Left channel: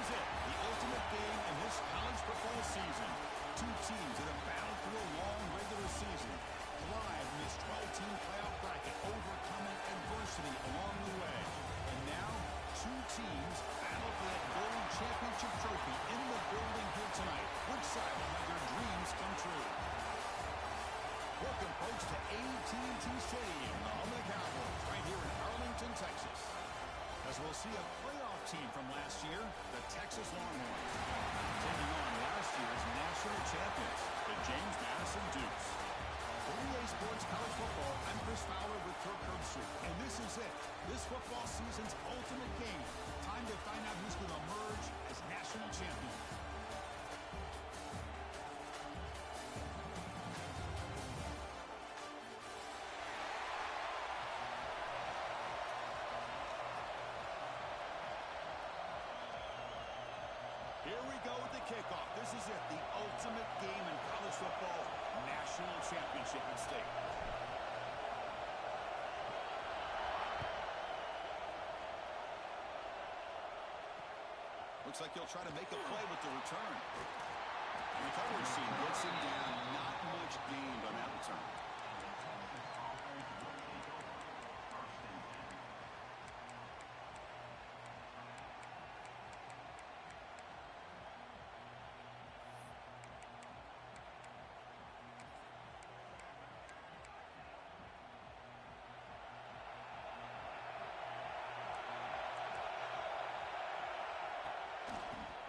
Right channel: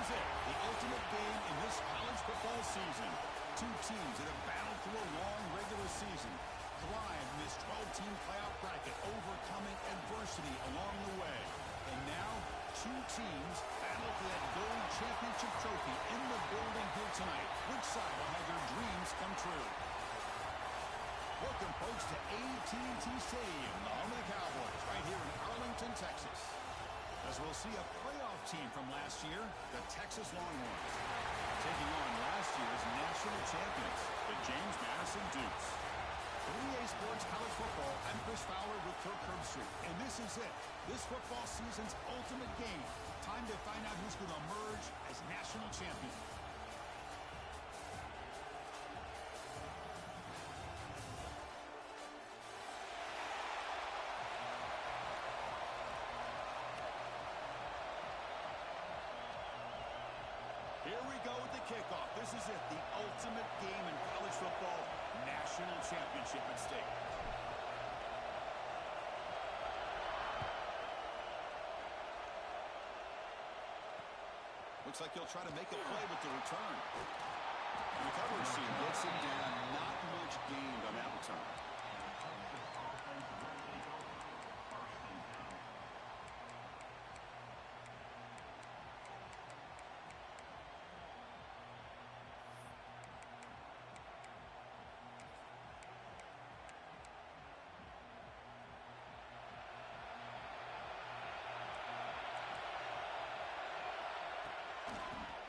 is it, the ultimate game in this college football season. Two teams that have battled through a long regular season, thrive in this 12-team playoff bracket, overcoming adversity along the way. And now, two teams battle for that gold championship trophy in the building here tonight. Which side will have their dreams come true? Welcome, folks, to AT&T Stadium, the home of the Cowboys, right here in Arlington, Texas. As we'll see a playoff team from last year, the Texas Longhorns, taking on last year's national champions, the James Madison Dukes. For EA Sports College Football, I'm Chris Fowler with Kirk Herbstreit, and this is it. This football season's ultimate game. Time to find out who's going to emerge as national champion. Here we go with the kickoff. This is it, the ultimate game in college football, national championship at stake. Looks like he'll try to make a play with the return. The coverage team gets him down. Not much gained on that return.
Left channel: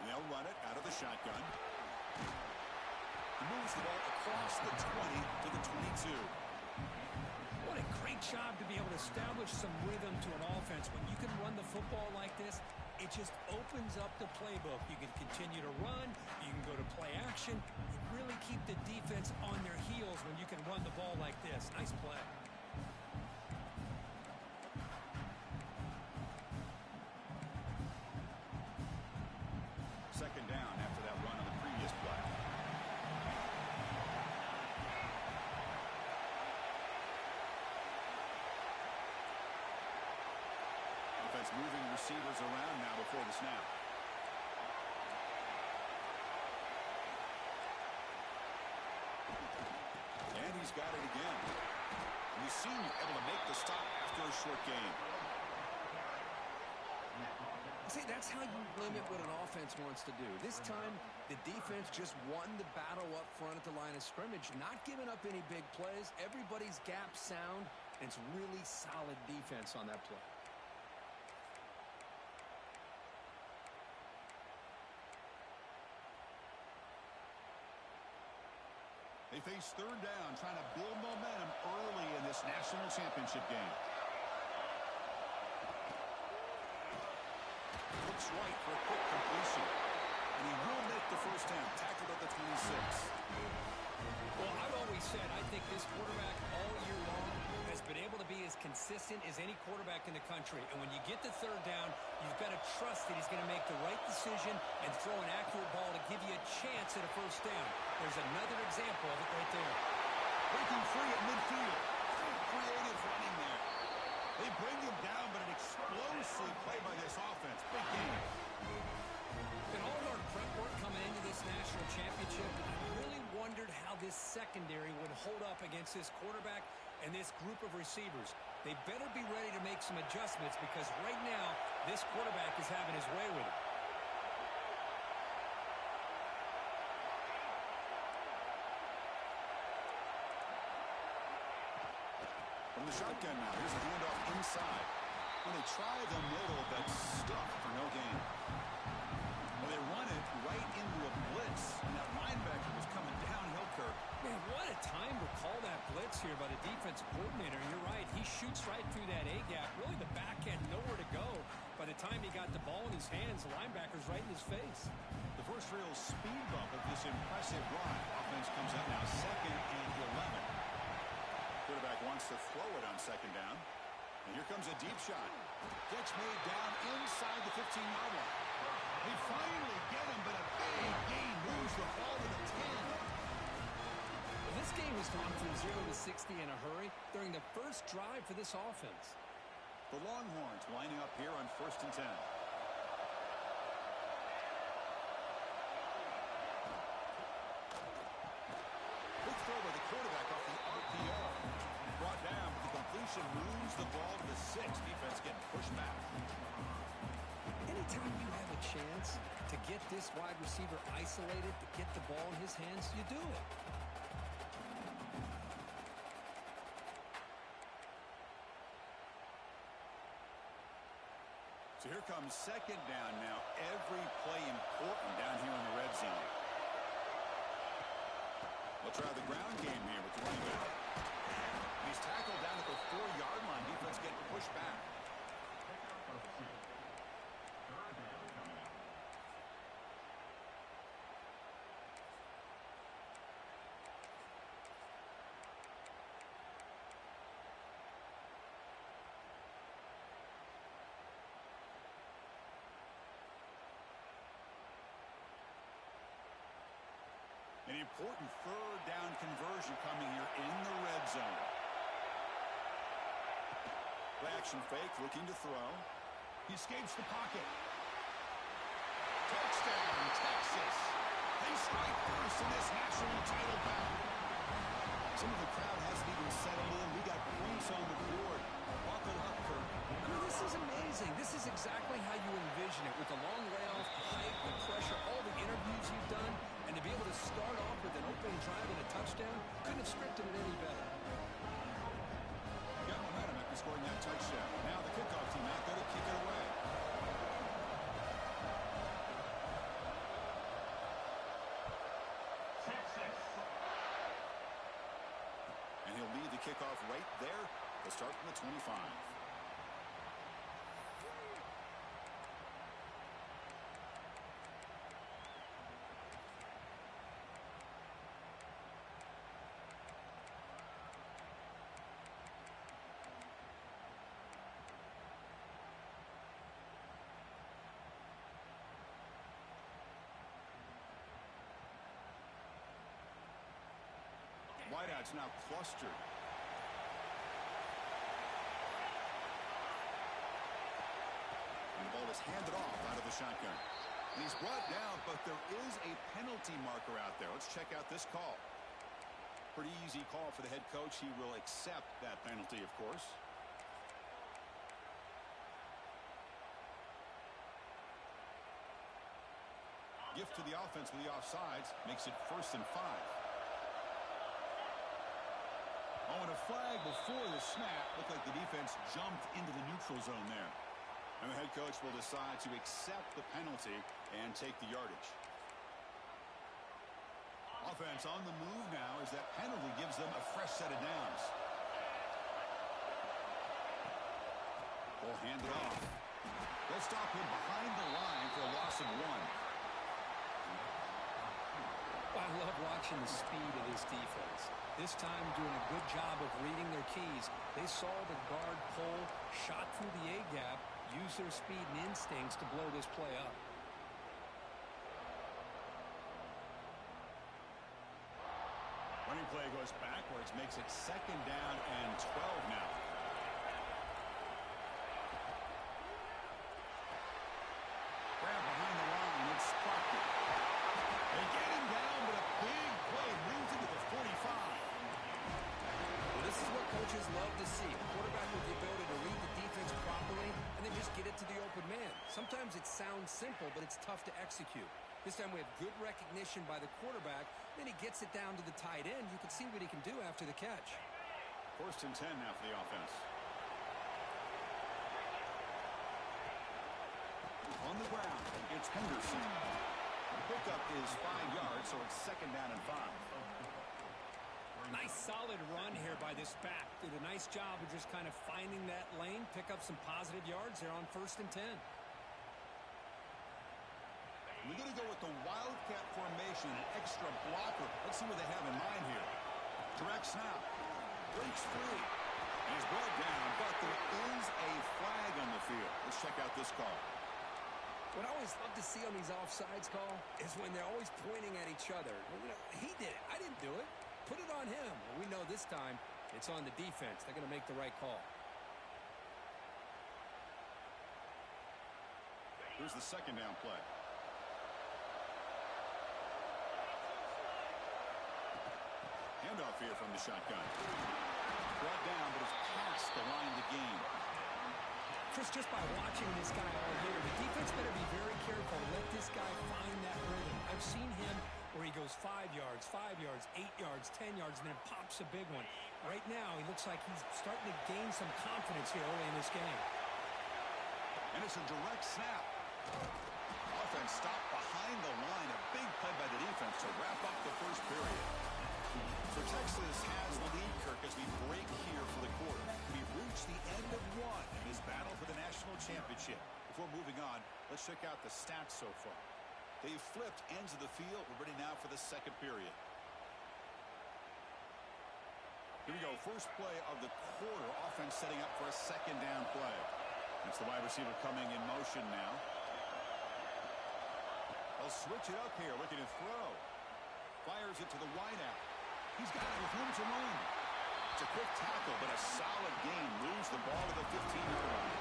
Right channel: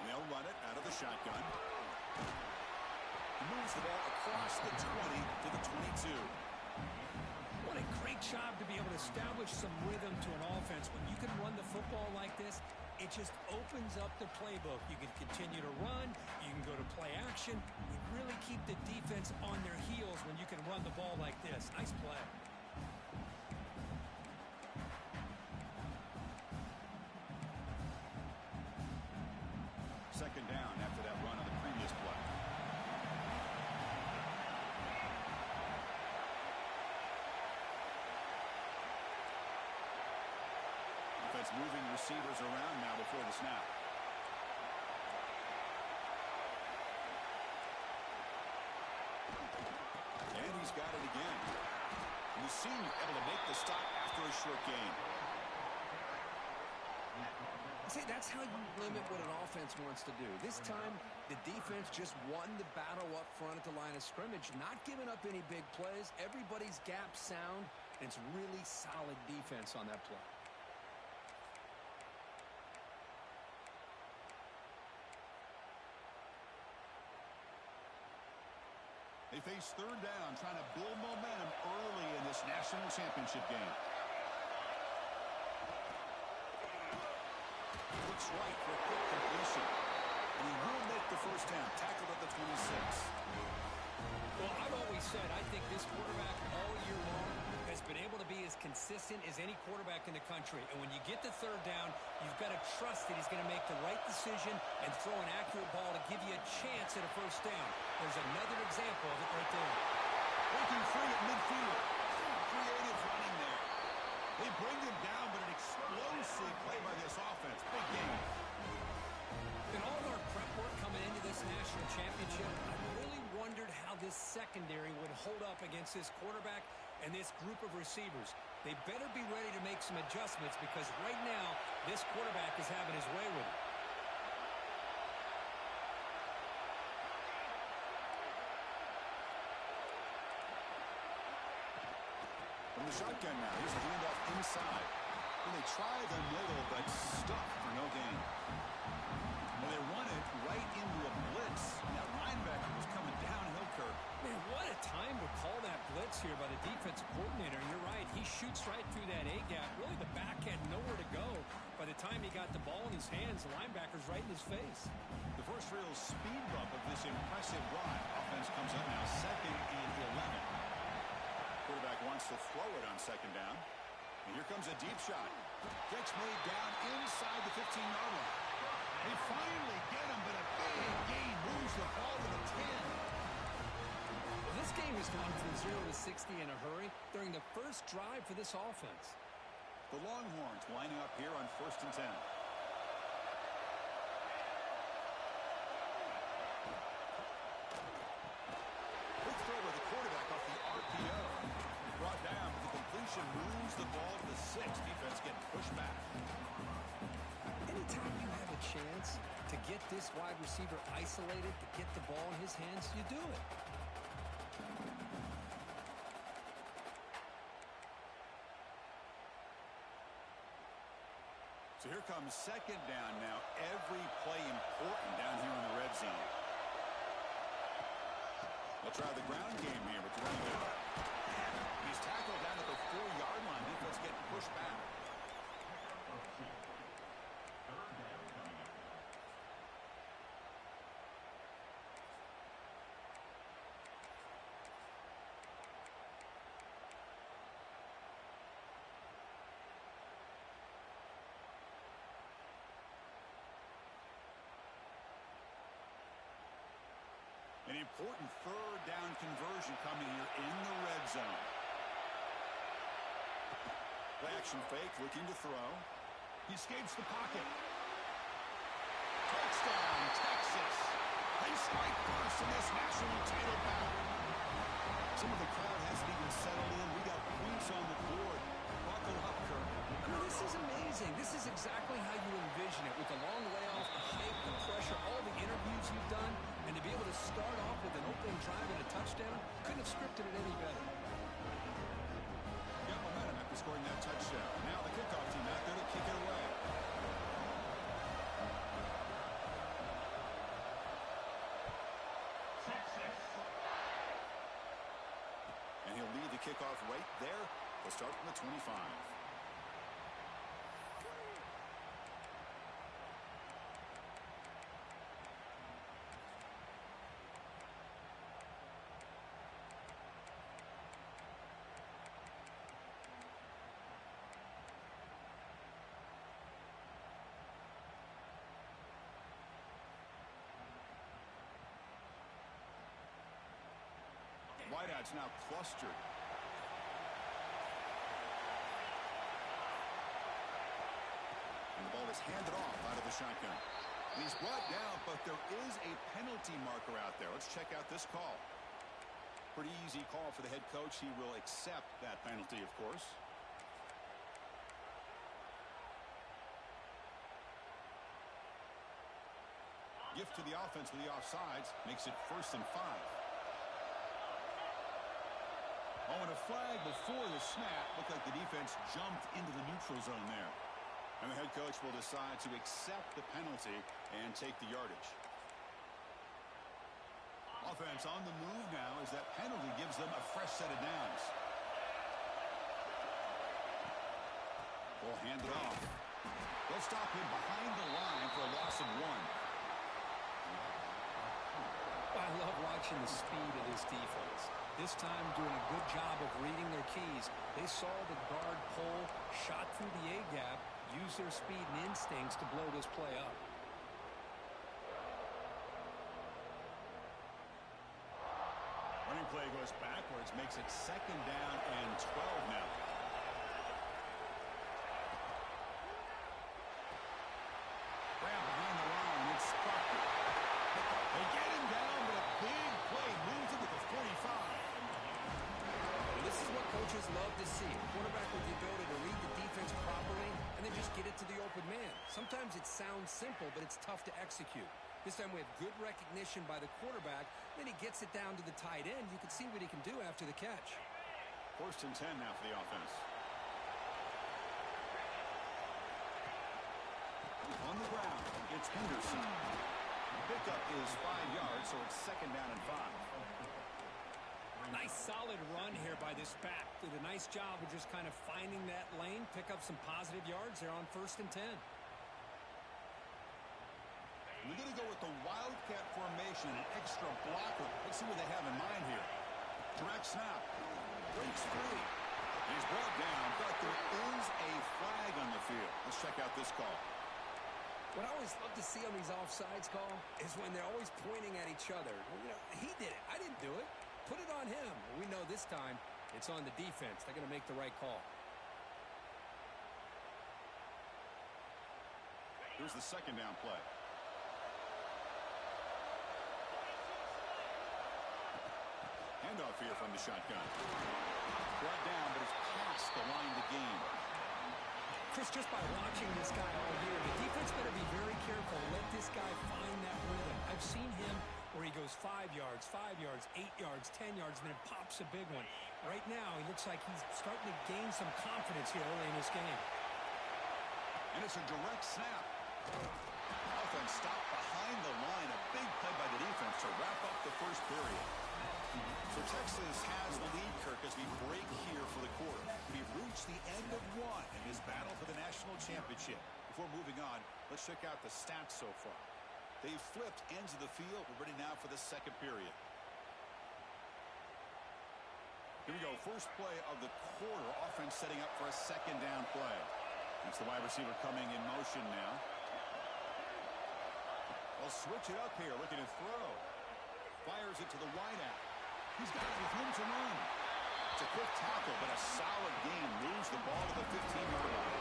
They'll run it out of the shotgun. He moves the ball across the 20 to the 22. What a great job to be able to establish some rhythm to an offense. When you can run the football like this, it just opens up the playbook. You can continue to run. You can go to play action. You really keep the defense on their heels when you can run the ball like this. Nice play. Second down after that run on the previous play. Defense moving receivers around now before the snap. And he's got it again. The senior able to make the stop after a short gain. See, that's how you limit what an offense wants to do. This time, the defense just won the battle up front at the line of scrimmage, not giving up any big plays. Everybody's gap sound, and it's really solid defense on that play. They face third down, trying to build momentum early in this national championship game. Looks right for a quick completion. And he will make the first down, tackled at the 26. Well, I've always said I think this quarterback all year long has been able to be as consistent as any quarterback in the country. And when you get the third down, you've got to trust that he's going to make the right decision and throw an accurate ball to give you a chance at a first down. There's another example of it right there. Breaking free at midfield. Creative running there. They bring him down, but an explosive play by this offense. Big game. In all of our prep work coming into this national championship, I really wondered how this secondary would hold up against this quarterback and this group of receivers. They better be ready to make some adjustments because right now, this quarterback is having his way with it. From the shotgun now, here's a handoff inside. And they try the middle, but stuffed for no gain. Well, they run it right into a blitz, and that linebacker was coming downhill, Kirk. Man, what a time to call that blitz here by the defensive coordinator. You're right. He shoots right through that A-gap. Really, the back had nowhere to go. By the time he got the ball in his hands, the linebacker's right in his face. The first real speed bump of this impressive drive. Offense comes up now, 2nd and 11. Quarterback wants to throw it on 2nd down. And here comes a deep shot. Catch made down inside the 15-yard line. They finally get him, but a big gain moves the ball to the 10. Well, this game has gone from 0 to 60 in a hurry during the first drive for this offense. The Longhorns lining up here on 1st and 10. Quick throw by the quarterback off the RPO. Brought down, but the completion moves the ball to the 6. Defense getting pushed back. Anytime you have a chance to get this wide receiver isolated, to get the ball in his hands, you do it. So here comes second down now. Every play important down here in the red zone. We'll try the ground game here with the running back. He's tackled down at the 4-yard line. Defense getting pushed back. An important third down conversion coming here in the red zone. Play action fake, looking to throw. He escapes the pocket. Touchdown, Texas. They strike first in this national title bout. Some of the crowd hasn't even settled in. We got points on the board. Buckle up, Kirk. I mean, this is amazing. This is exactly how you envision it, with the long layoff, the hype, the pressure, all the interviews you've done, and to be able to start off with an opening drive and a touchdown, couldn't have scripted it any better. Got momentum after scoring that touchdown. Now the kickoff team out there to kick it away. Texas. And he'll lead the kickoff right there. They'll start from the 25. Wideouts now clustered. And the ball is handed off out of the shotgun. And he's brought down, but there is a penalty marker out there. Let's check out this call. Pretty easy call for the head coach. He will accept that penalty, of course. Gift to the offense with the offsides. Makes it 1st and 5. Oh, and a flag before the snap. Looked like the defense jumped into the neutral zone there. And the head coach will decide to accept the penalty and take the yardage. Offense on the move now as that penalty gives them a fresh set of downs. Ball handed off. They'll stop him behind the line for a loss of 1. I love watching the speed of this defense. This time doing a good job of reading their keys. They saw the guard pull, shot through the A-gap, used their speed and instincts to blow this play up. Running play goes backwards, makes it 2nd down and 12 now. Grab behind the line, it's Proctor. They get him down, but a big play moves into the 45. Well, this is what coaches love to see. A quarterback with the ability to read the defense properly and then just get it to the open man. Sometimes it sounds simple, but it's tough to execute. This time we have good recognition by the quarterback. Then he gets it down to the tight end. You can see what he can do after the catch. 1st and 10 now for the offense. On the ground, it's Henderson. Pickup is 5 yards, so it's 2nd down and 5. Nice solid run here by this back. Did a nice job of just kind of finding that lane, pick up some positive yards there on 1st and 10. We're going to go with the Wildcat formation, an extra blocker. Let's see what they have in mind here. Direct snap. Breaks free. And he's brought down, but there is a flag on the field. Let's check out this call. What I always love to see on these offsides call is when they're always pointing at each other. You know, he did it. I didn't do it. Put it on him. We know this time it's on the defense. They're going to make the right call. Here's the 2nd down play. Handoff here from the shotgun. Brought down, but it's past the line to gain. Chris, just by watching this guy all year, the defense better be very careful to let this guy find that rhythm. I've seen him where he goes 5 yards, 8 yards, 10 yards, and then pops a big one. Right now, he looks like he's starting to gain some confidence here early in this game. And it's a direct snap. Offense stopped behind the line. A big play by the defense to wrap up the first period. So Texas has the lead, Kirk, as we break here for the quarter. We've reached the end of one in this battle for the national championship. Before moving on, let's check out the stats so far. They've flipped ends of the field. We're ready now for the second period. Here we go. First play of the quarter. Offense setting up for a second down play. It's the wide receiver coming in motion now. They'll switch it up here, looking to throw. Fires it to the wideout. He's got it with room to run. It's a quick tackle, but a solid gain. Moves the ball to the 15-yard line.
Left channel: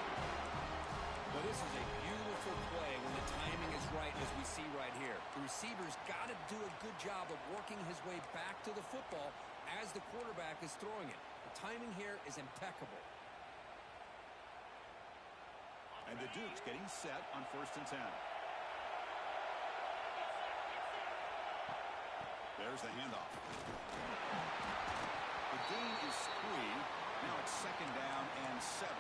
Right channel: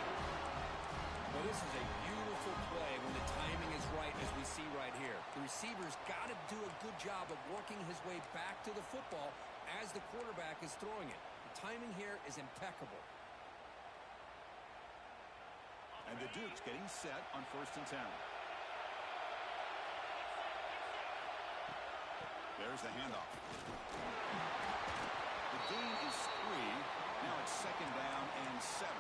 Well, this is a beautiful play when the timing is right, as we see right here. The receiver's got to do a good job of working his way back to the football as the quarterback is throwing it. The timing here is impeccable. And the Dukes getting set on 1st and 10. There's the handoff. The gain is 3. Now it's second down and 7.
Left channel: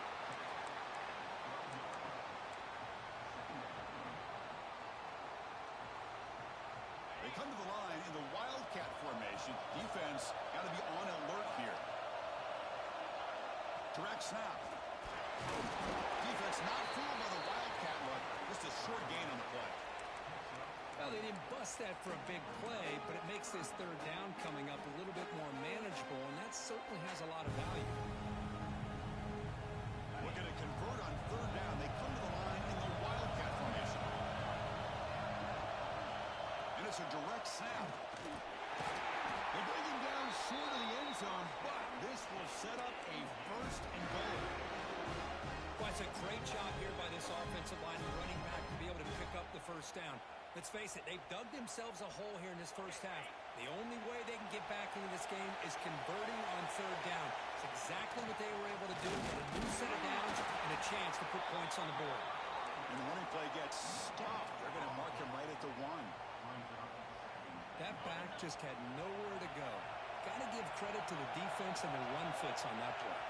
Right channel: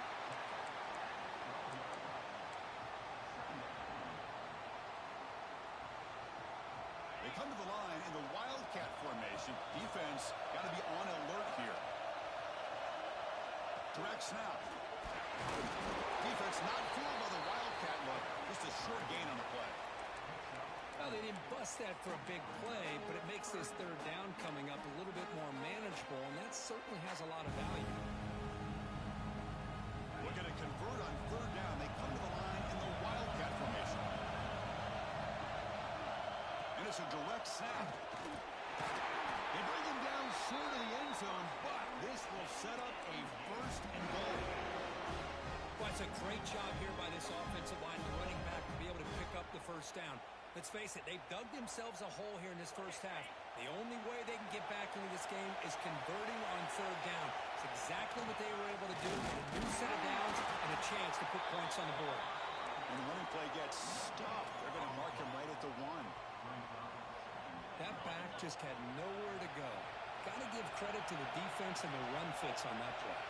They come to the line in the Wildcat formation. Defense got to be on alert here. Direct snap. Defense not fooled by the Wildcat look. Just a short gain on the play. Well, they didn't bust that for a big play, but it makes this third down coming up a little bit more manageable, and that certainly has a lot of value. Looking to convert on third down. They come to the line in the Wildcat formation. And it's a direct snap. They bring him down short of the end zone, but this will set up a first and goal. Well, it's a great job here by this offensive line and the running back to be able to pick up the first down. Let's face it, they've dug themselves a hole here in this first half. The only way they can get back into this game is converting on third down. It's exactly what they were able to do. Get a new set of downs and a chance to put points on the board. And the running play gets stopped. They're going to mark him right at the 1. That back just had nowhere to go. Got to give credit to the defense and their run fits on that play.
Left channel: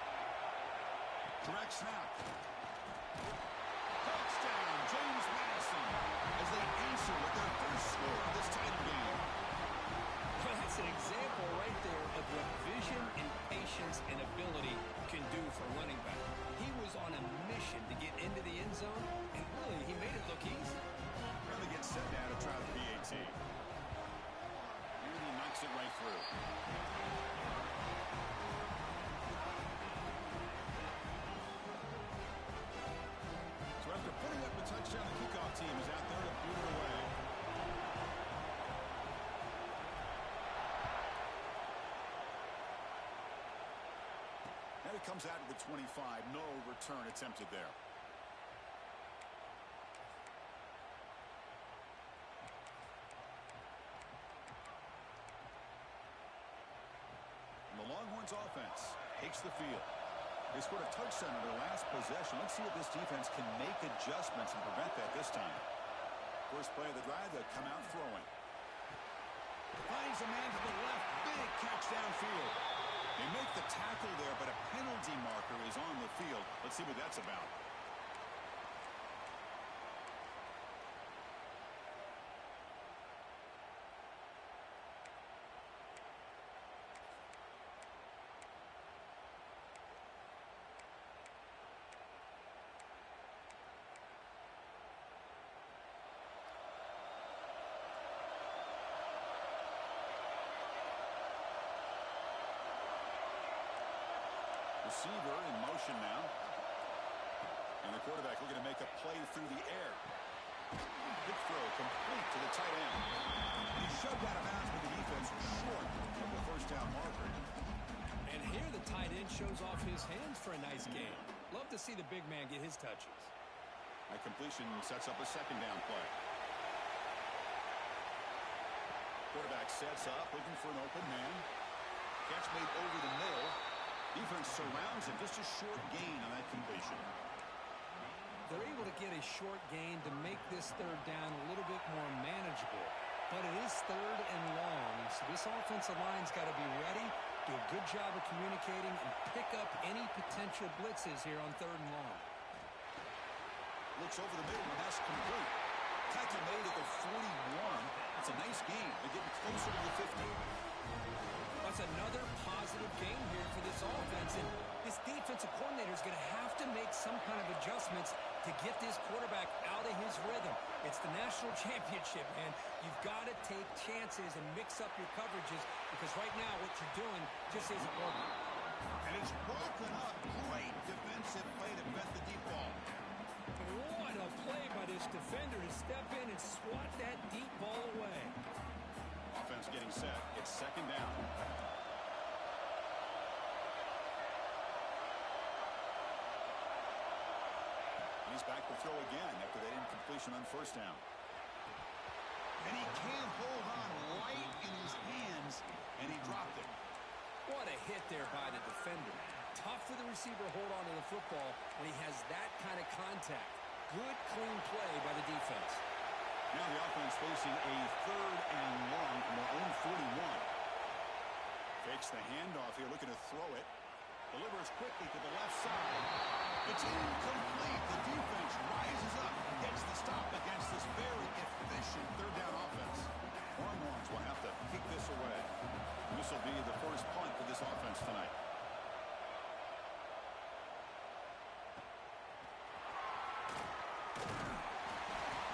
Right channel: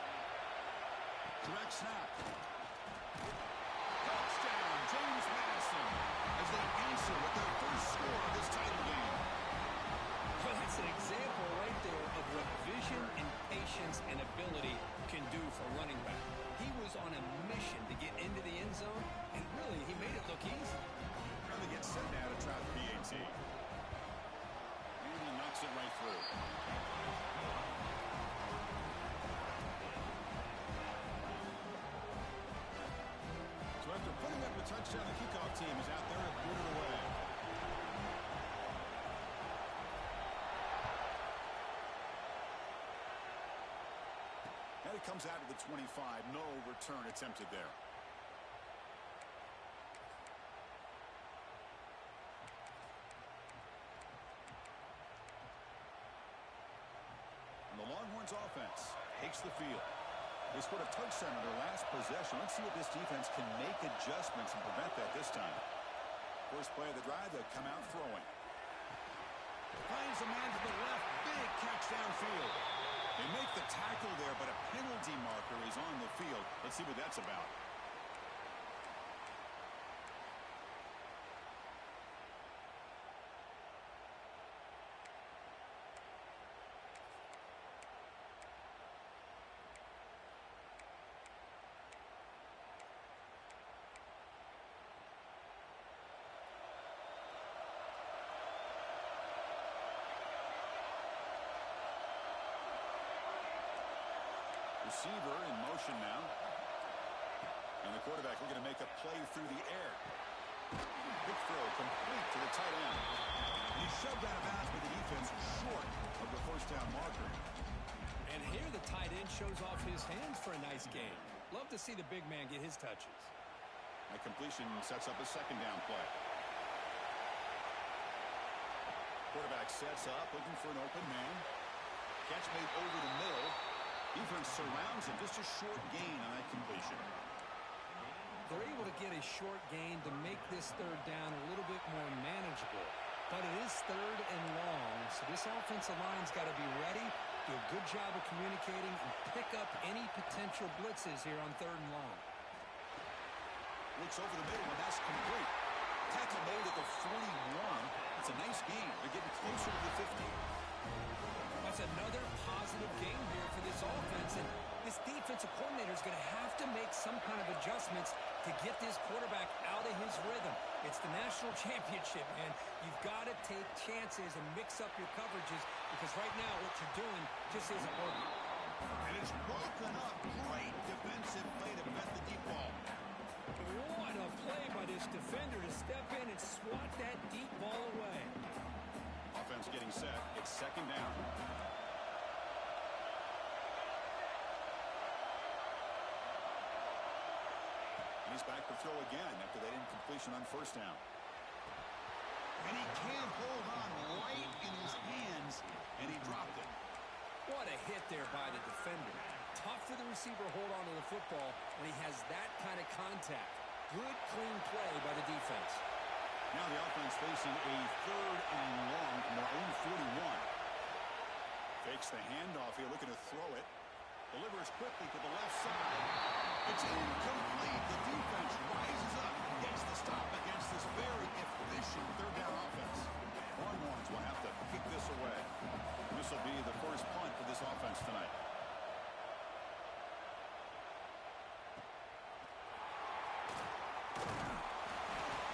Direct snap. Touchdown, James Madison, as they answer with their first score of this title game. Well, that's an example right there of what vision and patience and ability can do for running back. He was on a mission to get into the end zone, and really, he made it look easy. And they get set now to try the PAT. And he knocks it right through. So after putting up a touchdown, the kickoff team is out there to boot it away. And it comes out to the 25. No return attempted there. And the Longhorns offense takes the field. They scored a touchdown on their last possession. Let's see if this defense can make adjustments and prevent that this time. First play of the drive, they come out throwing. Finds a man to the left. Big catch downfield. They make the tackle there, but a penalty marker is on the field. Let's see what that's about. Receiver in motion now. And the quarterback looking to make a play through the air. Big throw complete to the tight end. And he's shoved out of bounds with the defense short of the first down marker. And here the tight end shows off his hands for a nice game. Love to see the big man get his touches. That completion sets up a second down play. Quarterback sets up, looking for an open man. Catch made over the middle. Defense surrounds him. Just a short gain on that completion. They're able to get a short gain to make this third down a little bit more manageable. But it is third and long, so this offensive line's got to be ready, do a good job of communicating, and pick up any potential blitzes here on third and long. Looks over the middle, and that's complete. Tackle made at the 41. That's a nice gain. They're getting closer to the 50. That's another positive game here for this offense, and this defensive coordinator is going to have to make some kind of adjustments to get this quarterback out of his rhythm. It's the national championship, man. You've got to take chances and mix up your coverages because right now what you're doing just isn't working. And it's broken up. Great defensive play to prevent the deep ball. What a play by this defender to step in and swat that deep ball away. Offense getting set. It's second down. He's back to throw again after that incompletion on first down. And he can't hold on right in his hands, and he dropped it. What a hit there by the defender. Tough for the receiver to hold on to the football when he has that kind of contact. Good, clean play by the defense. Now the offense facing a third and long from their own 41. Fakes the handoff here, looking to throw it. Delivers quickly to the left side. It's incomplete. The defense rises up, gets the stop against this very efficient third down offense. Longhorns will have to kick this away. This will be the first punt for this offense tonight.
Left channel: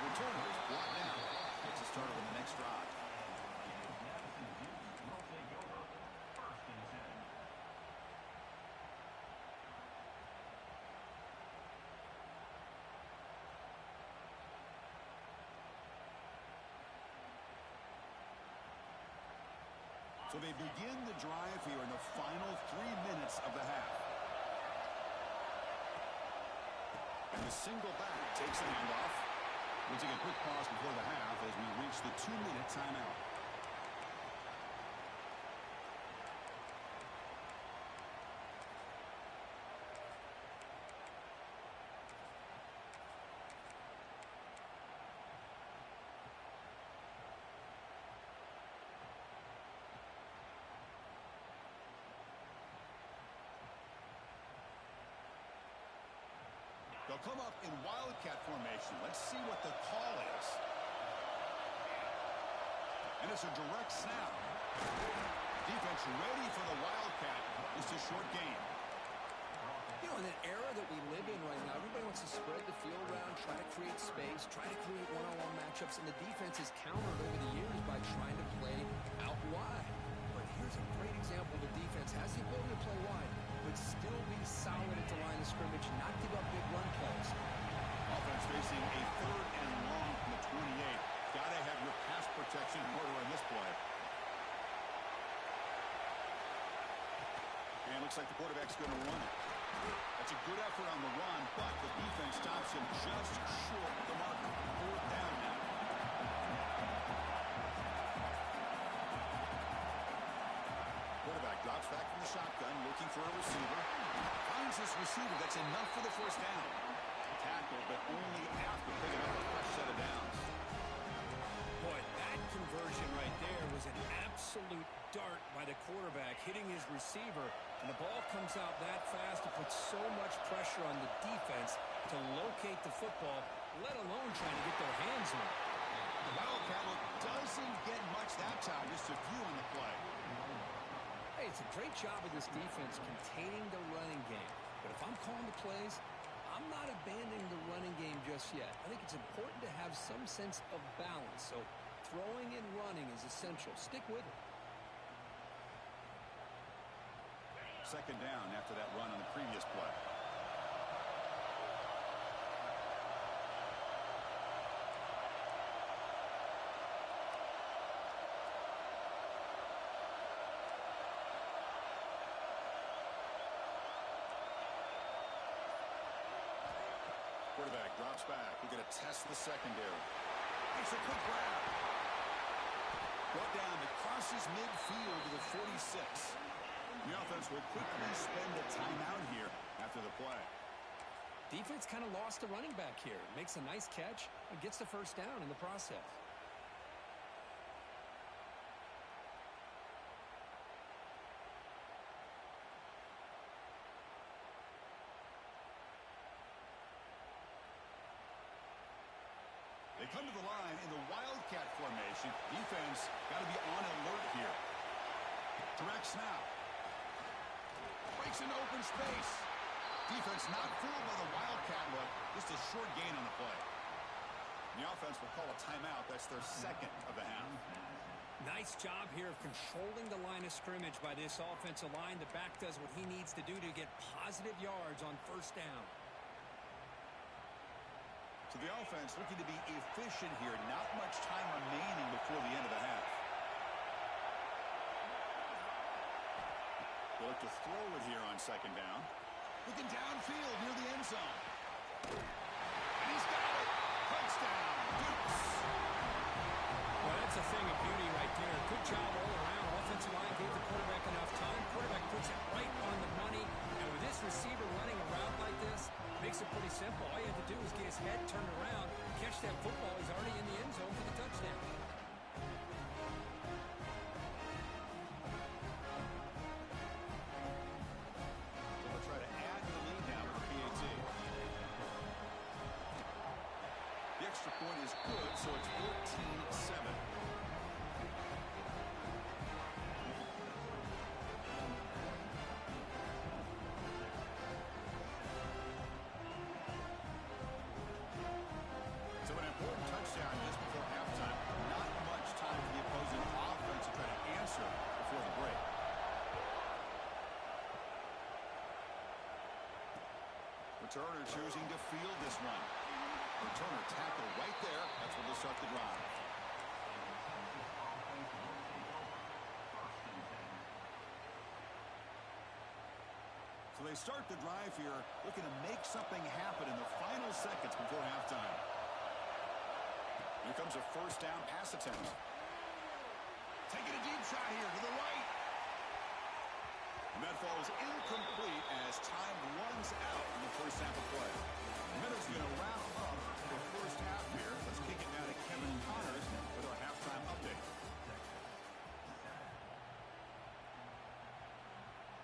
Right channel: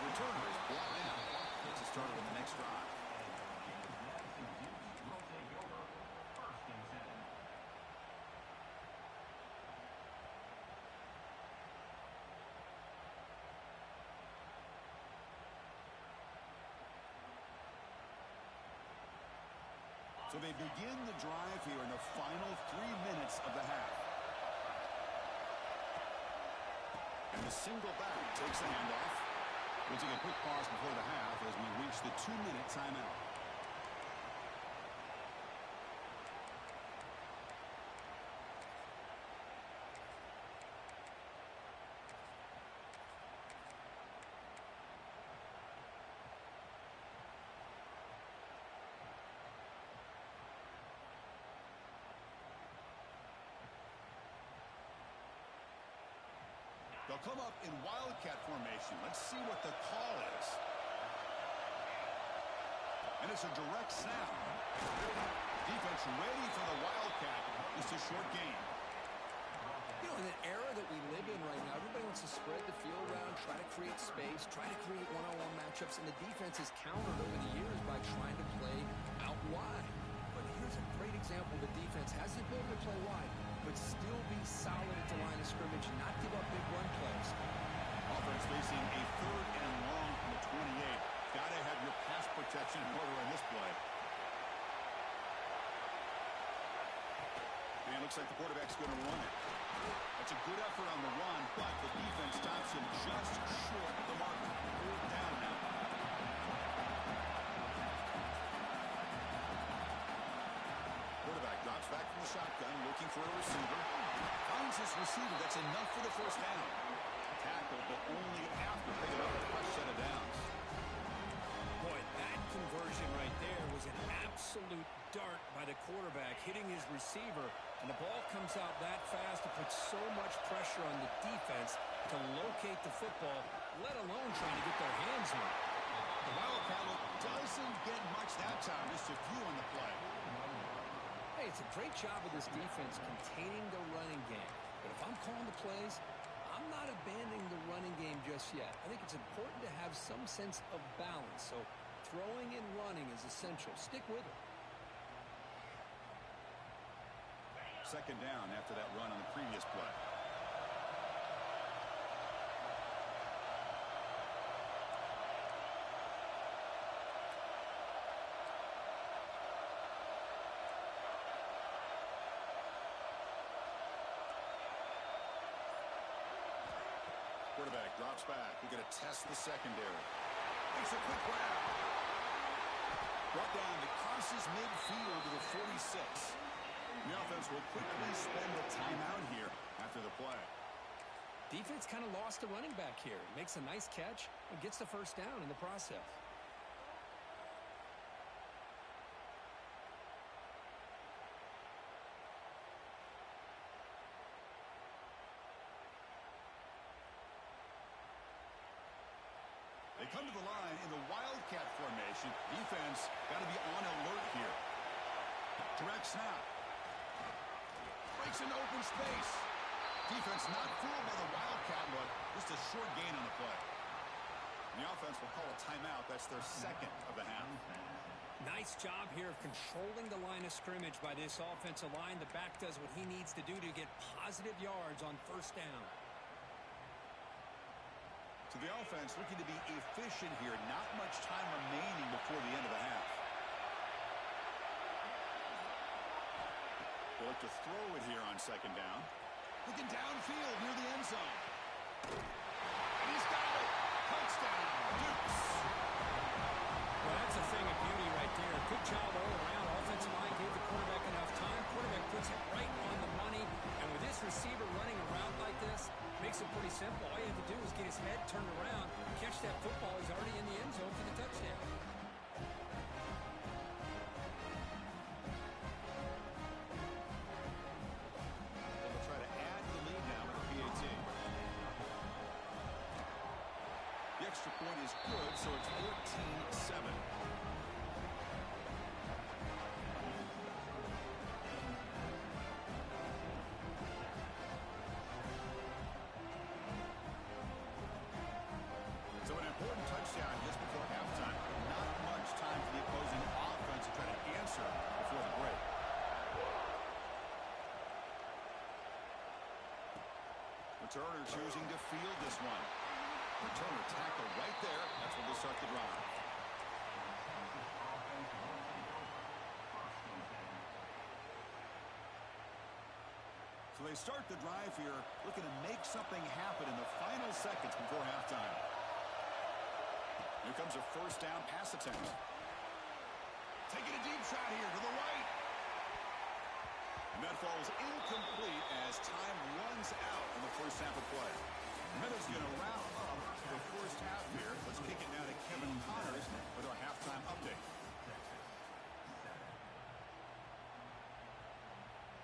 Returner is blocked down. Gets it started on the next drive. So they begin the drive here in the final 3 minutes of the half. And the single back takes the handoff. We'll take a quick pause before the half as we reach the 2-minute timeout. They'll come up in wildcat formation. Let's see what the call is. And it's a direct snap. Defense ready for the wildcat. It's a short gain. You know, in an era that we live in right now, everybody wants to spread the field around, try to create space, try to create one-on-one matchups, and the defense has countered over the years by trying to play out wide. But here's a great example. The defense has the ability to play wide, but still be solid at the line of scrimmage, not give up big run plays. Offense facing a third and long from the 28. Got to have your pass protection in order in this play. And looks like the quarterback's going to run it. That's a good effort on the run, but the defense stops him just short of the marker. Fourth down now. Quarterback drops back from the shotgun, looking for a receiver. Finds this receiver. That's enough for the first down. Tackled, but only after picking up a fresh set of downs. Boy, that conversion right there was an absolute dart by the quarterback, hitting his receiver, and the ball comes out that fast to put so much pressure on the defense to locate the football, let alone trying to get their hands on it. The Wildcat look doesn't get much that time, just a few on the play. Hey, it's a great job of this defense containing the running game. But if I'm calling the plays, I'm not abandoning the running game just yet. I think it's important to have some sense of balance. So throwing and running is essential. Stick with it. Second down after that run on the previous play. Quarterback drops back. We're going to test the secondary. Makes a quick grab. Brought down that crosses midfield to the 46. The offense will quickly spend a timeout here after the play. Defense kind of lost the running back here. Makes a nice catch and gets the first down in the process. They come to the line in the Wildcat formation. Defense got to be on alert here. Direct snap. Breaks into open space. Defense not fooled by the Wildcat look. Just a short gain on the play. The offense will call a timeout. That's their second of the half. Nice job here of controlling the line of scrimmage by this offensive line. The back does what he needs to do to get positive yards on first down. So the offense looking to be efficient here. Not much time remaining before the end of the half. They'll look to throw it here on second down. Looking downfield near the end zone. And he's got it. Touchdown, Dukes. Well, that's a thing of beauty right there. Good job all around. Offensive line gave the quarterback enough time. Quarterback puts it right on the money. And with this receiver running a route like this, makes it pretty simple. All you have to do is get his head turned around, catch that football. He's already in the end zone for the touchdown. They'll try to add to the lead now with a PAT. The extra point is good, so it's 14-7. So an important touchdown just before halftime. Not much time for the opposing offense to try to answer before the break. Returner choosing to field this one. Returner tackle right there. That's where they'll start the drive. So they start the drive here, looking to make something happen in the final seconds before halftime. Here comes a first down pass attempt. Taking a deep shot here to the right. And that falls incomplete as time runs out in the first half of play. Minutes going to wrap up the first half here. Let's kick it now to Kevin Connors with our halftime update.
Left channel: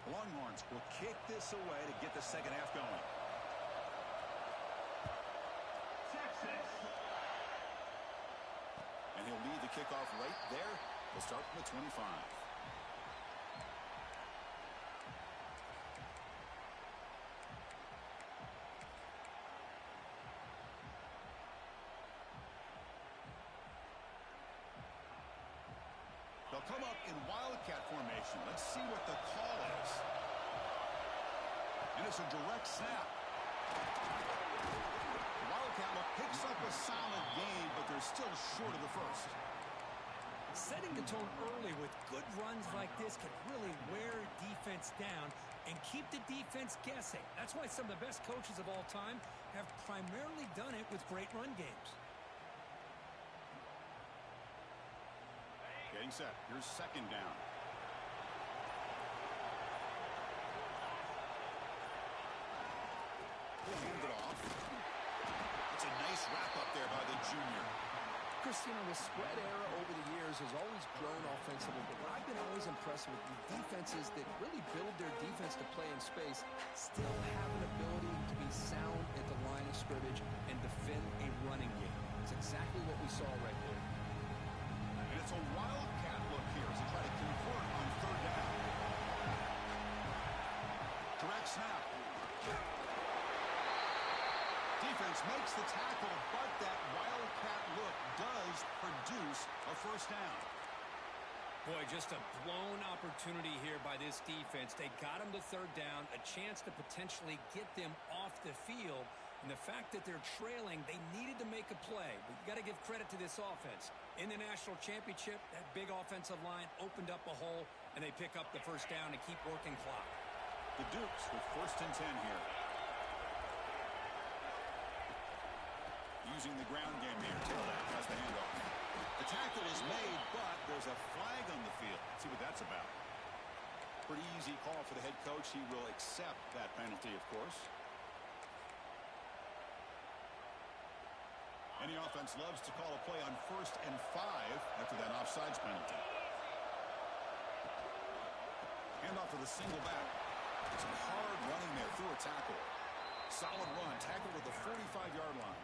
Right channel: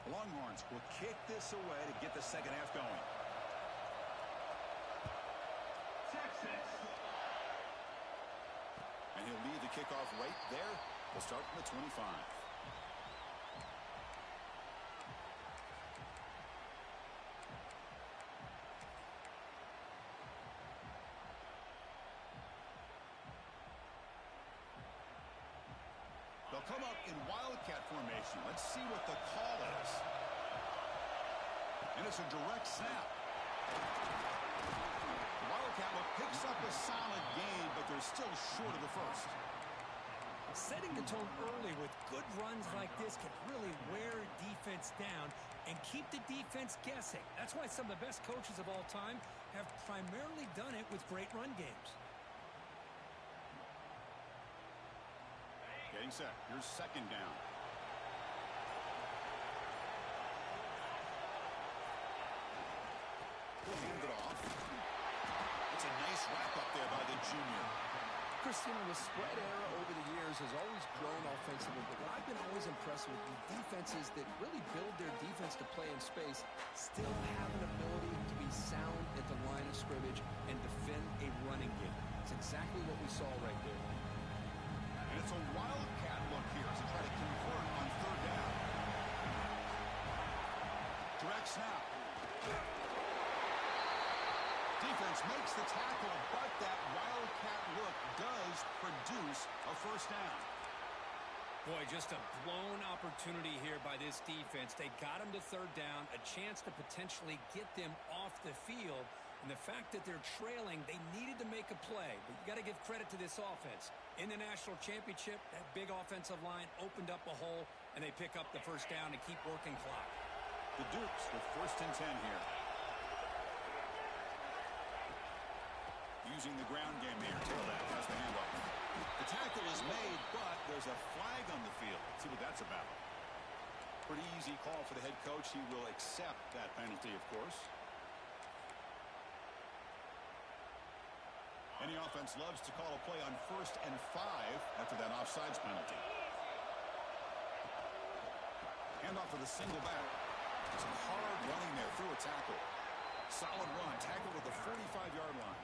The Longhorns will kick this away to get the second half going. Texas. And he'll lead the kickoff right there. We'll start from the 25. They'll come up in Wildcat formation. Let's see what the call is. And it's a direct snap. The Wildcat look picks up a solid gain, but they're still short of the first. Setting the tone early with good runs like this can really wear defense down and keep the defense guessing. That's why some of the best coaches of all time have primarily done it with great run games. Getting set. Here's second down. Hand it off. It's a nice wrap up there by the junior. Christina, the spread era over the years has always grown offensively, but what I've been always impressed with the defenses that really build their defense to play in space still have an ability to be sound at the line of scrimmage and defend a running game. It's exactly what we saw right there. And it's a Wildcat look here as they try to convert on third down. Direct snap. Defense makes the tackle, but that Wildcat look does produce a first down. Boy, just a blown opportunity here by this defense. They got him to third down, a chance to potentially get them off the field. And the fact that they're trailing, they needed to make a play. But you got to give credit to this offense. In the national championship, that big offensive line opened up a hole, and they pick up the first down and keep working clock. The Dukes with 1st and 10 here. Using the ground game here. Tailback has the handoff. The tackle is made, but there's a flag on the field. Let's see what that's about. Pretty easy call for the head coach. He will accept that penalty, of course. Any offense loves to call a play on 1st and 5 after that offsides penalty. Handoff to the single back. Some hard running there through a tackle. Solid run. Tackle with the 45-yard line.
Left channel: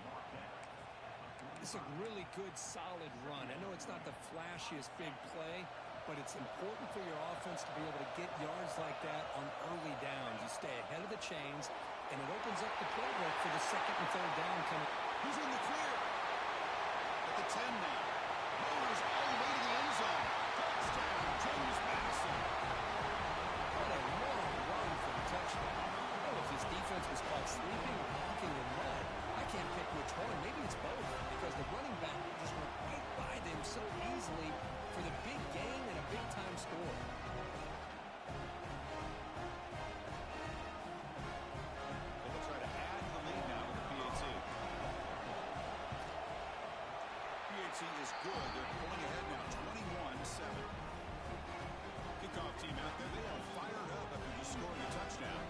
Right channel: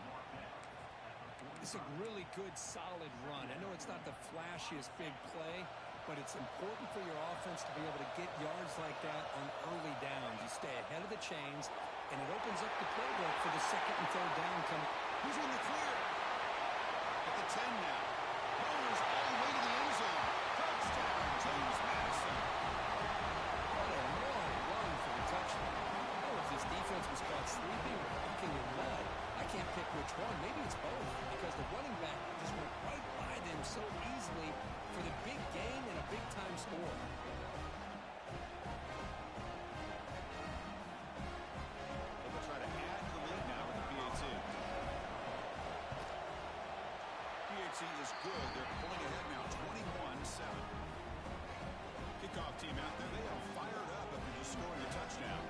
It's a really good, solid run. I know it's not the flashiest big play, but it's important for your offense to be able to get yards like that on early downs. You stay ahead of the chains, and it opens up the playbook for the 2nd and 3rd down coming. He's in the clear. At the 10 now. Mowers all the way to the end zone. Touchdown, James Madison. What a long run for the touchdown. I don't know if this defense was caught sleeping or walking in mud. I can't pick which one. Maybe it's both, because the running back just went right by them so easily for the big gain and a big-time score. So they'll try to add to the lead now with the PAT. PAT is good. They're pulling ahead now, 21-7. Kickoff team out there. They are fired up after just scoring a touchdown.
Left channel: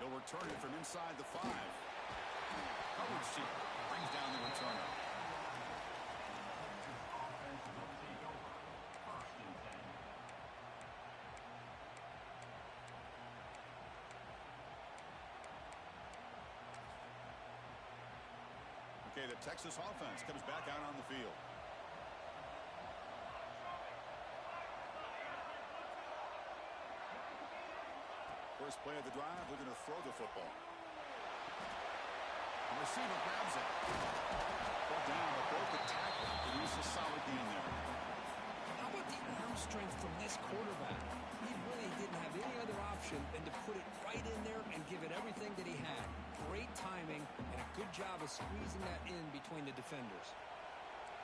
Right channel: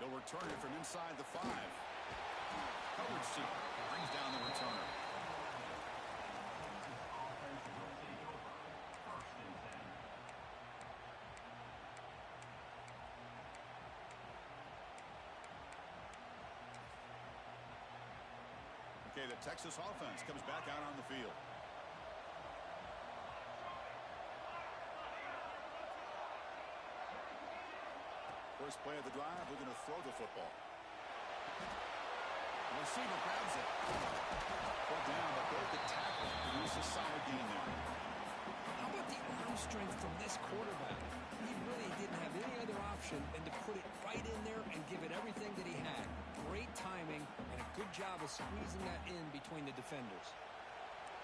They'll return it from inside the 5. Coverage team brings down the returner. Okay, the Texas offense comes back out on the field. First play of the drive, looking to throw the football. The receiver grabs it. Brought down, but broke the tackle. Produced a solid gain there. How about the arm strength from this quarterback? He really didn't have any other option than to put it right in there and give it everything that he had. Great timing and a good job of squeezing that in between the defenders.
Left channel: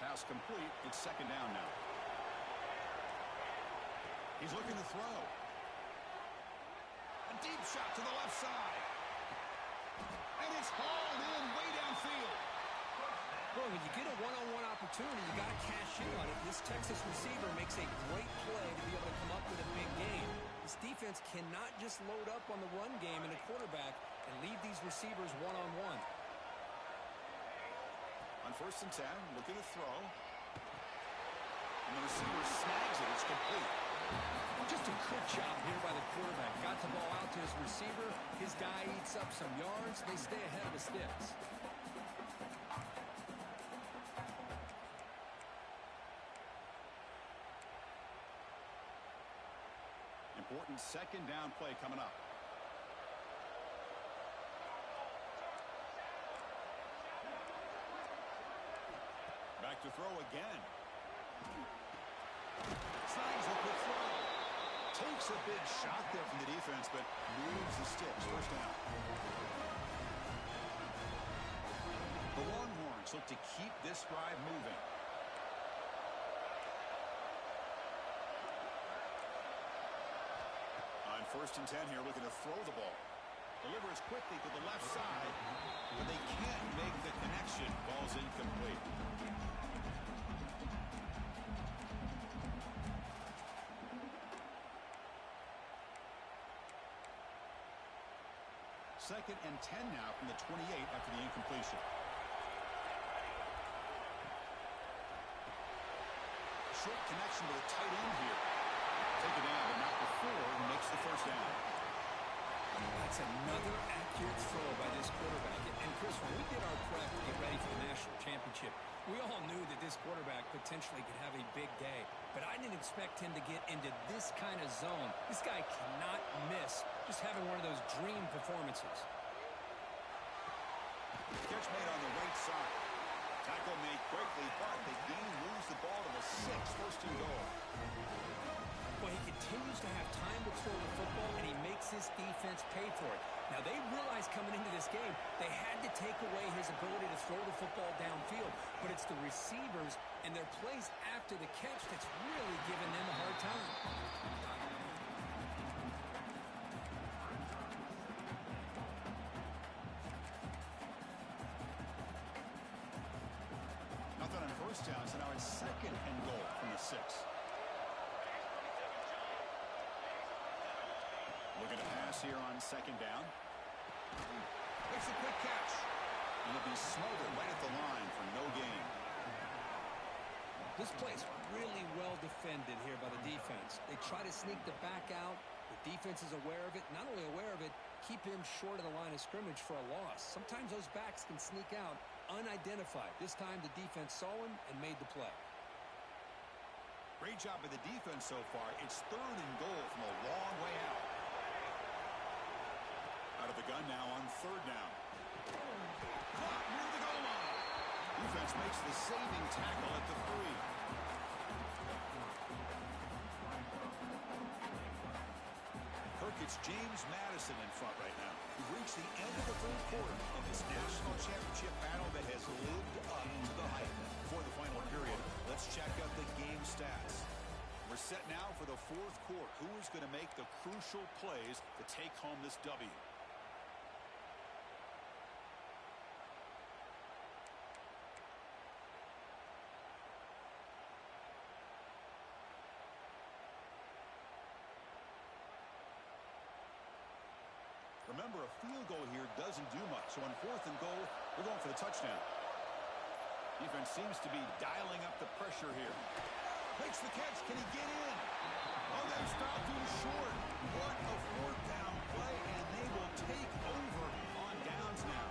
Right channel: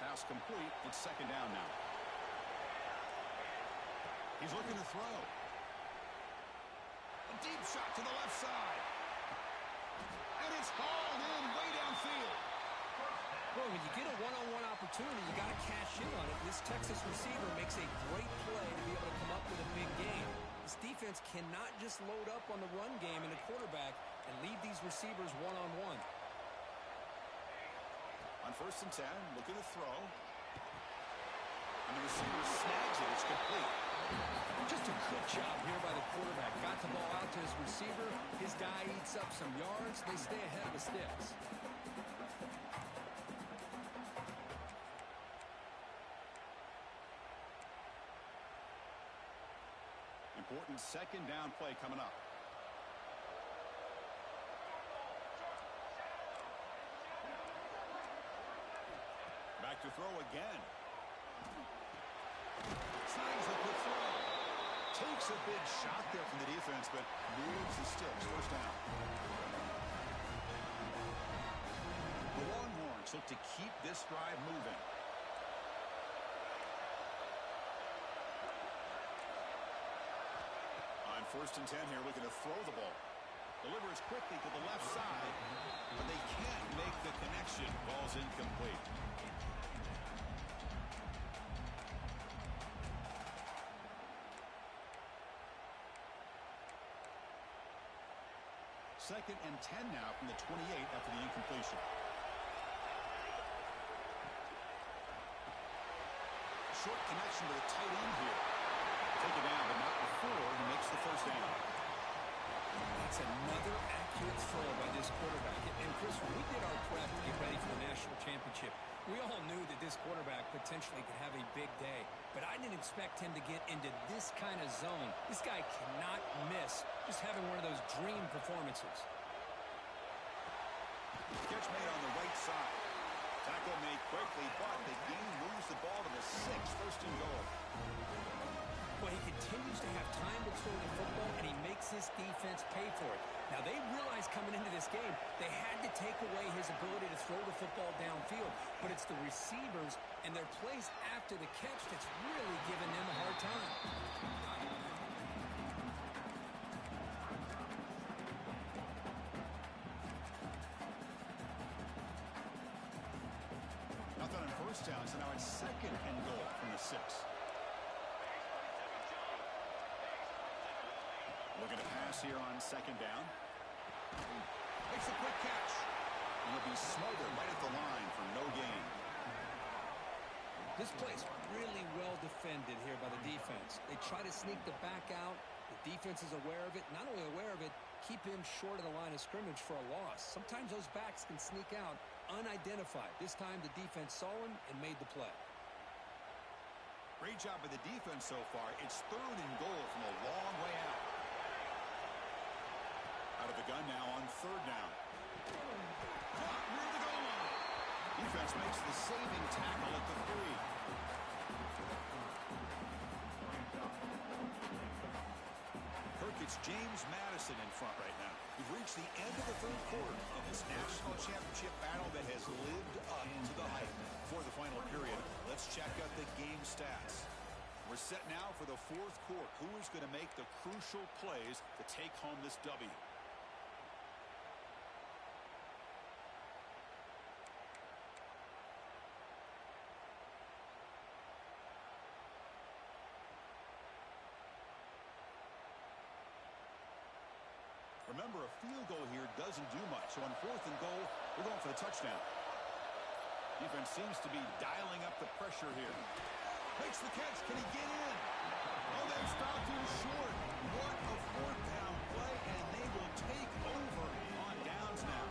Pass complete. It's 2nd down now. He's looking to throw. A deep shot to the left side. And it's hauled in way downfield. Well, when you get a one-on-one opportunity, you got to cash in on it. This Texas receiver makes a great play to be able to come up with a big gain. This defense cannot just load up on the run game and the quarterback and leave these receivers one-on-one. On 1st and 10, looking to throw. And the receiver snags it. It's complete. Just a good job here by the quarterback. Got the ball out to his receiver. His guy eats up some yards. They stay ahead of the sticks. Important 2nd down play coming up. Back to throw again. Signs a quick throw. Takes a big shot there from the defense, but moves the sticks. 1st down. The Longhorns look to keep this drive moving. On 1st and 10 here, looking to throw the ball. Delivers quickly to the left side, but they can't make the connection. Ball's incomplete. Second and 10 now from the 28 after the incompletion. Short connection to the tight end here. Take it down, but not before he makes the 1st down. That's another accurate throw by this quarterback. And Chris, when we did our prep to get ready for the national championship, we all knew that this quarterback potentially could have a big day. But I didn't expect him to get into this kind of zone. This guy cannot miss just having one of those dream performances. Catch made on the right side. Tackle made quickly, but the game moves the ball to the 6, 1st and goal. Well, he continues to have time to throw the football, and he makes his defense pay for it. Now, they realized coming into this game they had to take away his ability to throw the football downfield, but it's the receivers and their plays after the catch that's really giving them a hard time. first down, so now it's 2nd and goal from the 6. Looking to pass here on 2nd down. Makes a quick catch. And he'll be smothered right at the line for no gain. This play's really well defended here by the defense. They try to sneak the back out. The defense is aware of it. Not only aware of it, keep him short of the line of scrimmage for a loss. Sometimes those backs can sneak out unidentified. This time the defense saw him and made the play. Great job by the defense so far. It's 3rd and goal from a long way out. Out of the gun now on 3rd down. Caught near the goal line. Defense makes the saving tackle at the 3. It's James Madison in front right now. We've reached the end of the 3rd quarter in this national championship battle that has lived up to the hype. For the final period, let's check out the game stats. We're set now for the 4th quarter. Who is going to make the crucial plays to take home this W? Remember, a field goal here doesn't do much. So on 4th and goal, we're going for the touchdown. Defense seems to be dialing up the pressure here. Makes the catch. Can he get in? Oh, they stopped him short. What a 4th down play, and they will take over on downs now.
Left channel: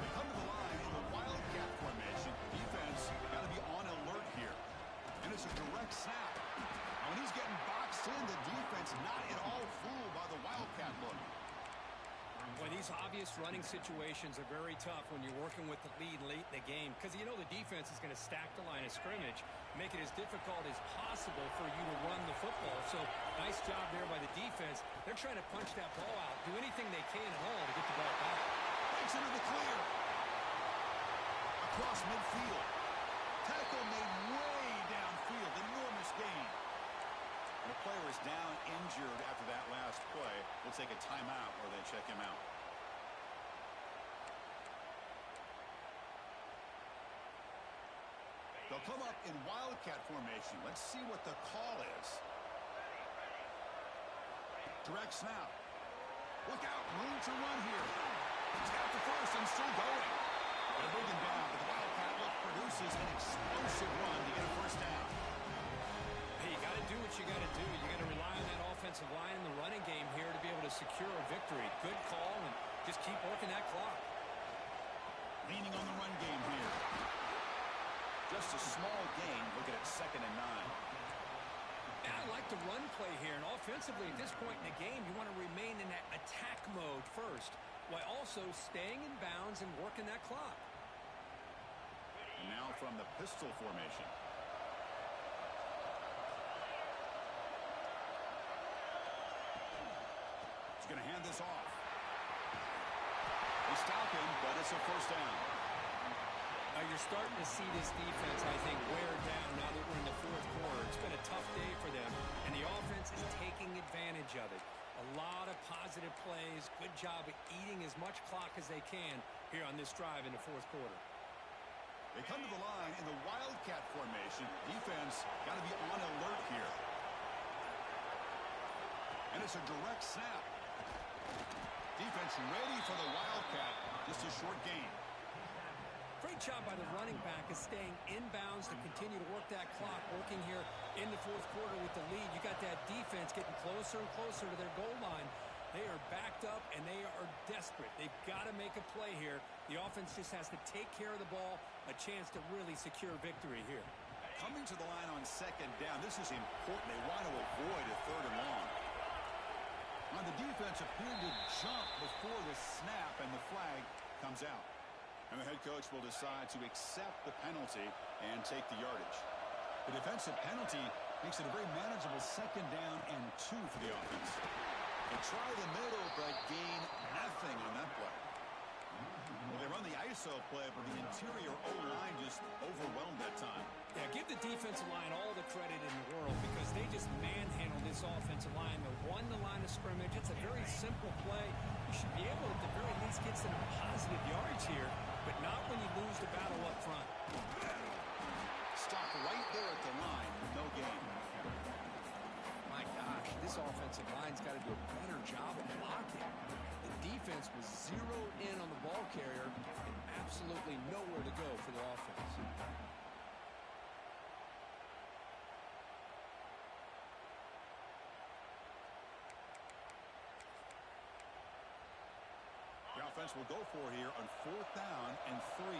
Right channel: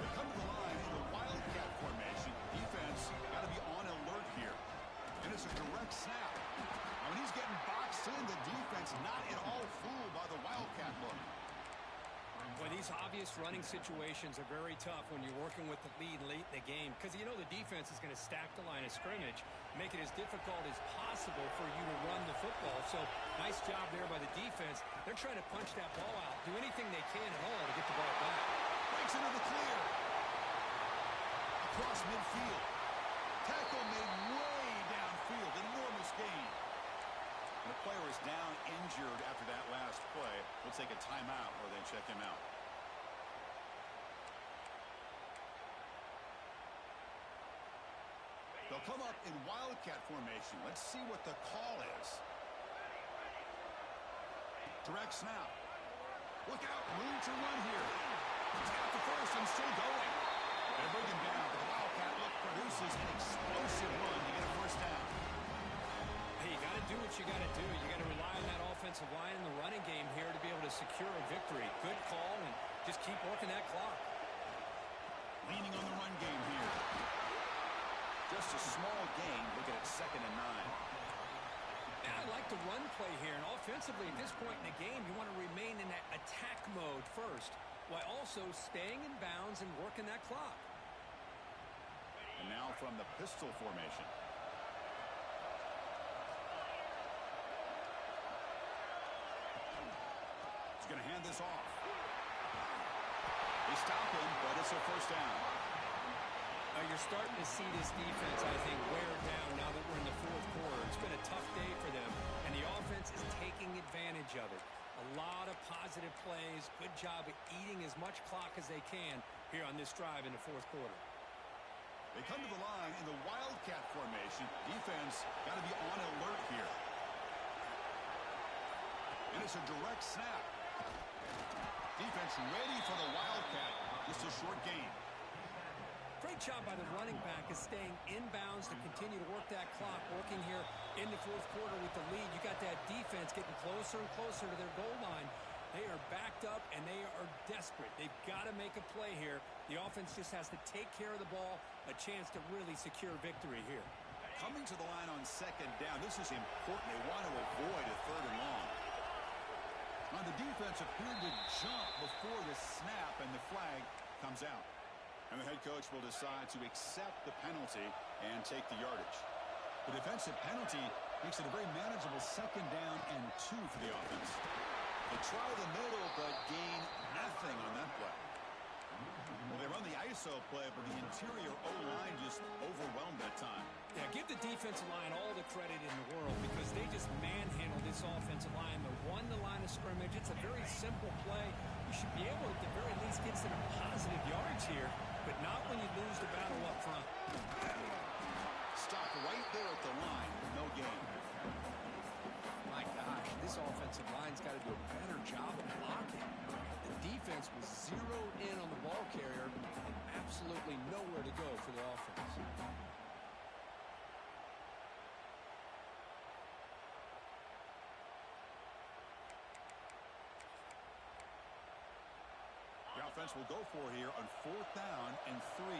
They come to the line in the Wildcat formation. Defense got to be on alert here. And it's a direct snap. Now, when he's getting boxed in, the defense not at all fooled by the Wildcat look. Boy, these obvious running situations are very tough when you're working with the lead late in the game because you know the defense is going to stack the line of scrimmage, make it as difficult as possible for you to run the football. So nice job there by the defense. They're trying to punch that ball out, do anything they can at all to get the ball back. Breaks into the clear. Across midfield. Tackle made way downfield. Enormous gain. The player is down injured after that last play. We'll take a timeout or they check him out. They'll come up in Wildcat formation. Let's see what the call is. Direct snap. Look out, room to run here. He's got the first and still going. They bring him down, but the Wildcat look produces an explosive run to get a first down. Hey, you got to do what you got to do. You got to rely on that offensive line in the running game here to be able to secure a victory. Good call, and just keep working that clock. Leaning on the run game here. Just a small gain. Looking at 2nd and 9. Yeah, I like the run play here, and offensively at this point in the game, you want to remain in that attack mode first, while also staying in bounds and working that clock. And now from the pistol formation. Going to hand this off. They stop him, but it's a first down. You're starting to see this defense, I think, wear down now that we're in the 4th quarter. It's been a tough day for them, and the offense is taking advantage of it. A lot of positive plays. Good job of eating as much clock as they can here on this drive in the 4th quarter. They come to the line in the Wildcat formation. Defense got to be on alert here. And it's a direct snap. Defense ready for the Wildcat. Just a short gain. Great job by the running back is staying inbounds to continue to work that clock, working here in the 4th quarter with the lead. You got that defense getting closer and closer to their goal line. They are backed up, and they are desperate. They've got to make a play here. The offense just has to take care of the ball, a chance to really secure victory here. Coming to the line on 2nd down, this is important. They want to avoid a 3rd and long. Now, the defense appeared to jump before the snap, and the flag comes out. And the head coach will decide to accept the penalty and take the yardage. The defensive penalty makes it a very manageable 2nd down and 2 for the offense. They try the middle, but gain nothing on that play. Well, they run the ISO play, but the interior O-line just overwhelmed that time. Yeah, give the defensive line all the credit in the world because they just manhandled this offensive line. They won the line of scrimmage. It's a very simple play. You should be able to, at the very least, get some positive yards here, but not when you lose the battle up front. Stopped right there at the line. No gain. My gosh, this offensive line's got to do a better job of blocking. The defense was zeroed in on the ball carrier and absolutely nowhere to go for the offense. The offense will go for here on 4th down and 3.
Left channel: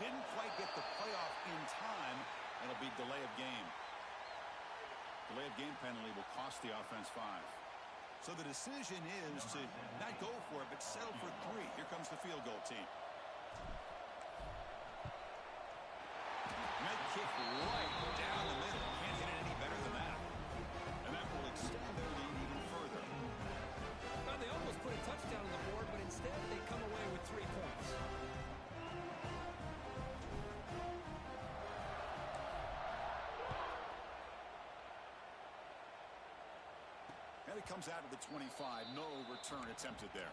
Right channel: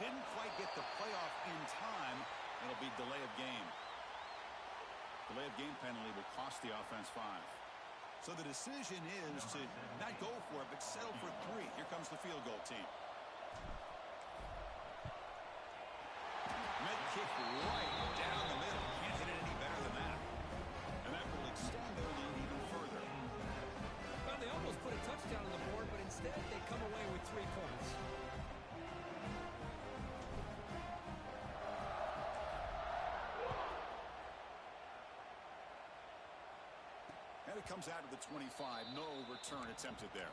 Didn't quite get the playoff in time. It'll be delay of game. Delay of game penalty will cost the offense 5. So the decision is to not go for it, but settle for 3. Here comes the field goal team. Net kick right down the middle. Can't hit it any better than that. And that will extend their lead even further. Well, they almost put a touchdown on the board, but instead they come away with 3 points. And it comes out of the 25. No return attempted there.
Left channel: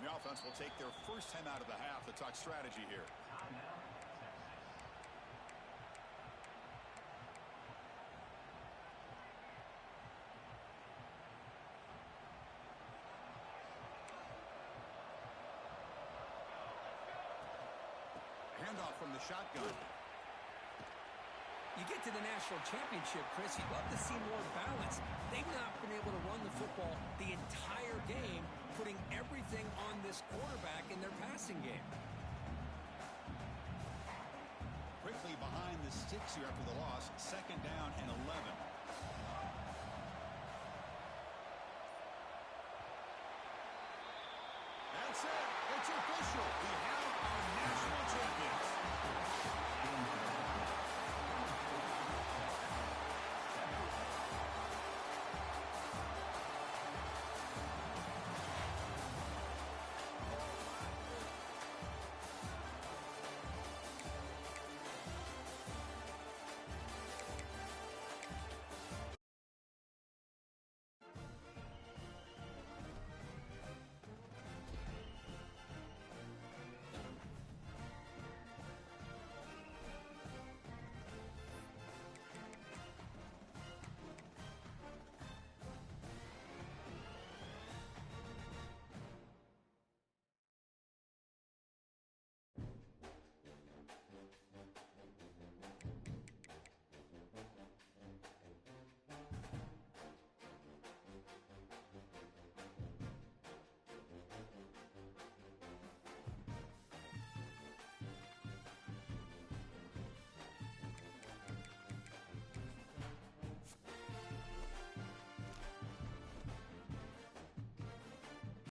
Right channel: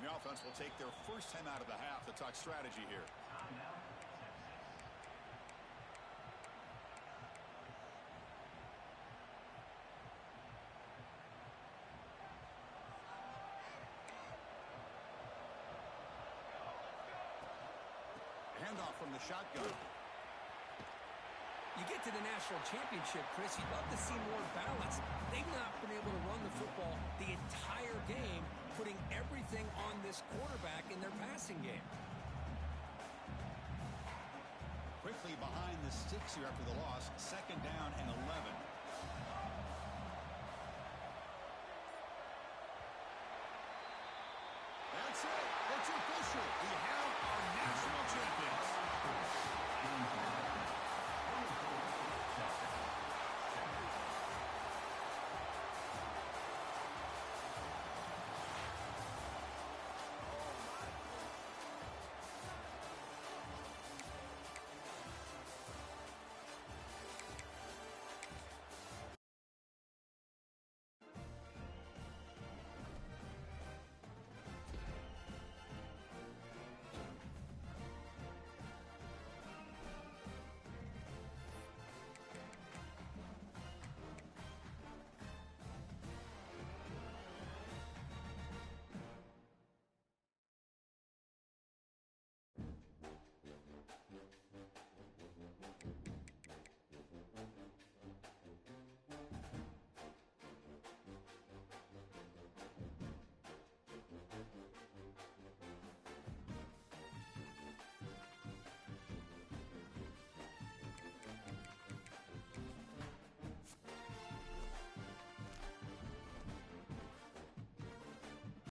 The offense will take their first time out of the half to talk strategy here. Handoff from the shotgun. You get to the national championship, Chris, you'd love to see more balance. They've not been able to run the football the entire game, putting everything on this quarterback in their passing game. Quickly behind the sticks here after the loss. 2nd down and 11.